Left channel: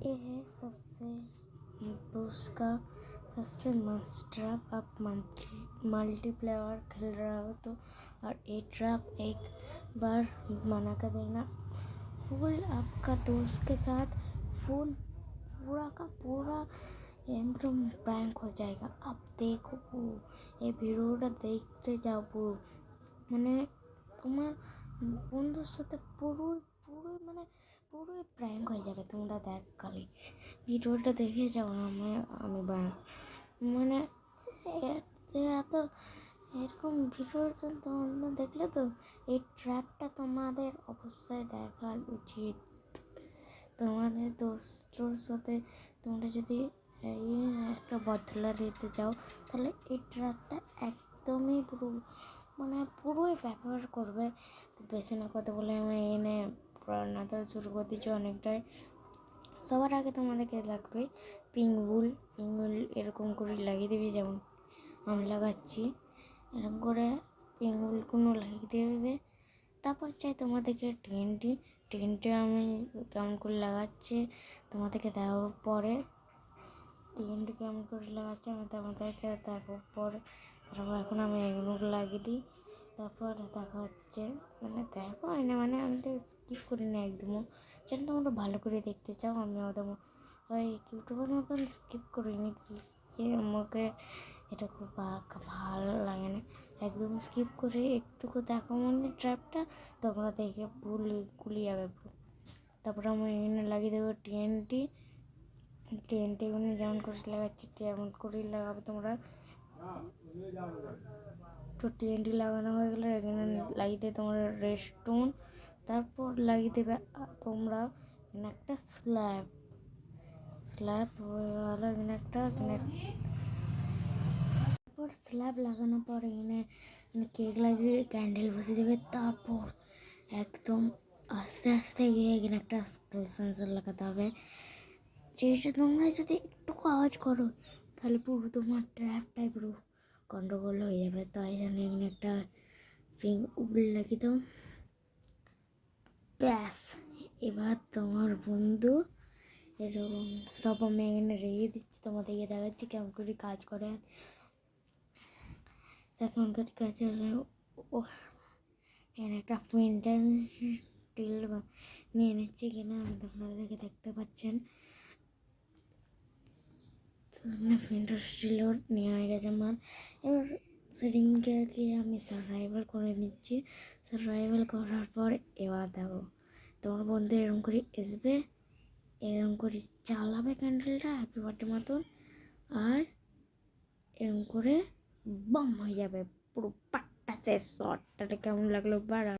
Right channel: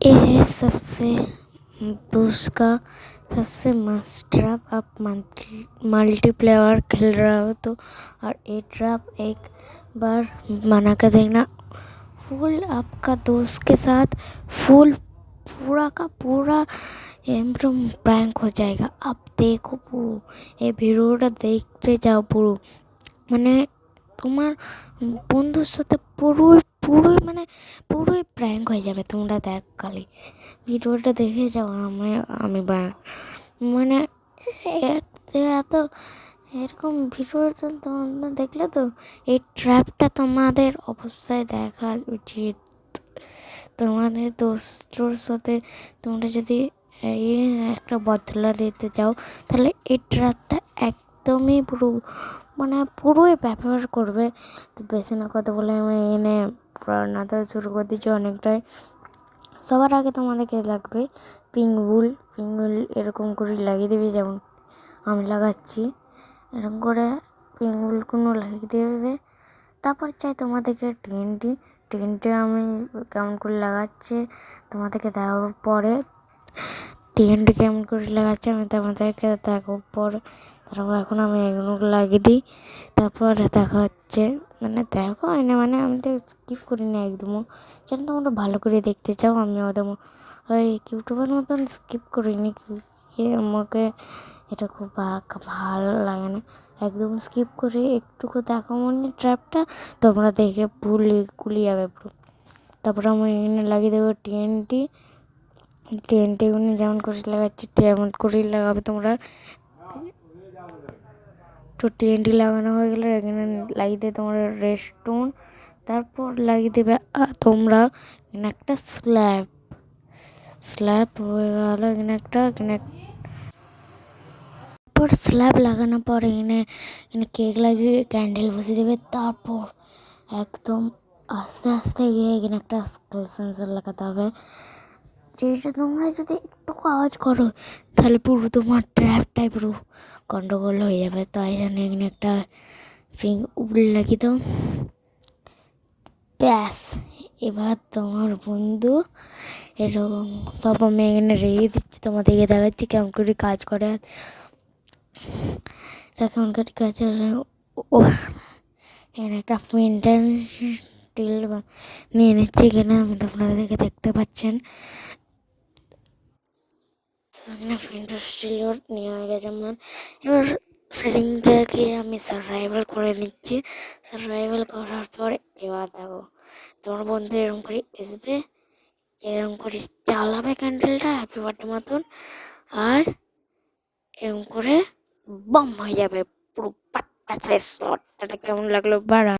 ये है सबसे दोस्त का सबसे मस्त ट्रैप। आप मल्टीप्लेयर खेल रहे हो तो और ये ट्रैप एक बार बना कर देखना। फुल आपका दोस्त के साथ फुल पूरा का पूरा एकदम प्रैंक हो जाएगा। आप देखो পুরো এই ভিডিওটা দেখতে যাও পুরো, মানে তোমার বন্ধুর সাথে পুরোই প্র্যাঙ্ক হয়ে যাবে। তোমরা দেখ খালি ভিডিওটা দেখে যাও। আমি মানে এত এরকম ভিডিওটা তোমরা দেখলে তো এই ট্র্যাপটা তোমাদের অবশ্যই দেখা উচিত। তোমাদের দোস্তর সাথে তোমরা যদি এই একটা বদলা দিতে চাও তাহলে এই ট্র্যাপটা একদমই পুরোই ব্যবহার করবে। তো বেশি না কথা বলে আমি এনে রান্নাটা শুরু করে দিচ্ছি অনেকটাই। সবার আগে তোমাদেরকে লাগবে পিঙ্গুল এরকম করে লাগিয়ে দেবে, যেমন আমি লাগাচ্ছি এরকম করে পিঙ্গুলগুলো লাগিয়ে দেবে। তারপর চাই তোমাদেরকে টিনটি আমি কেমন করে লাগাচ্ছি তোমাদেরকে দেওয়ার পরে টিনটি কেমন করে লাগাচ্ছি আমি তোমাদেরকে দেখার পরে তারপর এখন আমি এগুলো লাগিয়ে দিই। তারপর দেখা হচ্ছে, মানে দেখো মানে আমি তো স্কিপ করি না একদমও। যেন তোমরা ভালো করে দেখতে চাও, আমি ওদের ওই ইউটিউবের মতন স্কিপ করিনি। আমাকে এটা খুব ভালো লাগে না, একদম স্কিপ করে একটুকু দেখো মনে ট্র্যাপটা তোমরা দেখে গুলিয়ে যাবে পুরো। তারপরে আমি এখানে লাগিয়ে দেবো টিএনটিগুলো যেমন করে লাগাচ্ছি তেমন করেই লাগাবে তোমরা। তো টিএনটি লাগানো হয়ে গেলে এখানে লাগিয়ে দেবে তোমরা রেস্টুন। তারপর লাগিয়ে দেবে তোমরা একটা স্ল্যাব হয়ে গেল তারপর স্ল্যাব লাগানোর পর এখানে কেক লাগিয়ে ক্যান্ডেল বসিয়ে দেবে। তারপর একদম আস্তে আস্তে গিয়ে এখানে একটা স্কুল সেন্সার লাগাতে হবে। যেটা তোমরা যদি একটু আওয়াজ করো তাহলে পুরো তোমার ট্র্যাপটাই পুরো গন্ডগোল হয়ে যাবে। তাই জন্য এখানে একটা লাগিয়ে দাও। ব্যাস, এবার তোমার বন্ধু এরকম সব আমি এখানে রেখে দিচ্ছি, তোমাদেরকে দেখাচ্ছি কেমন করে কাজ করে। কেমন করে কাজ ও এখানে একটা প্রিন্টার স্টিল নিয়ে নিচ্ছি এখানে আপনাদেরকে দেখতে পাচ্ছেন। এখানে প্রিন্টার স্টিলও নিয়ে হয়ে গেছে আমার। এবার সেটিংটাকে আমি সারভাইভাল করে নিচ্ছি। সারভাইভাল করার পর এবার দেখো তোমার বন্ধু এরকম করে আসবে, এরকম করে জ্বালাবে ক্যান্ডেলটা হ্যাপি বার্থডে মতন, আর এরকম করে বম হয়ে যাবে পুরো পাট্টা শেষ। শটটা কেমন লাগলো বা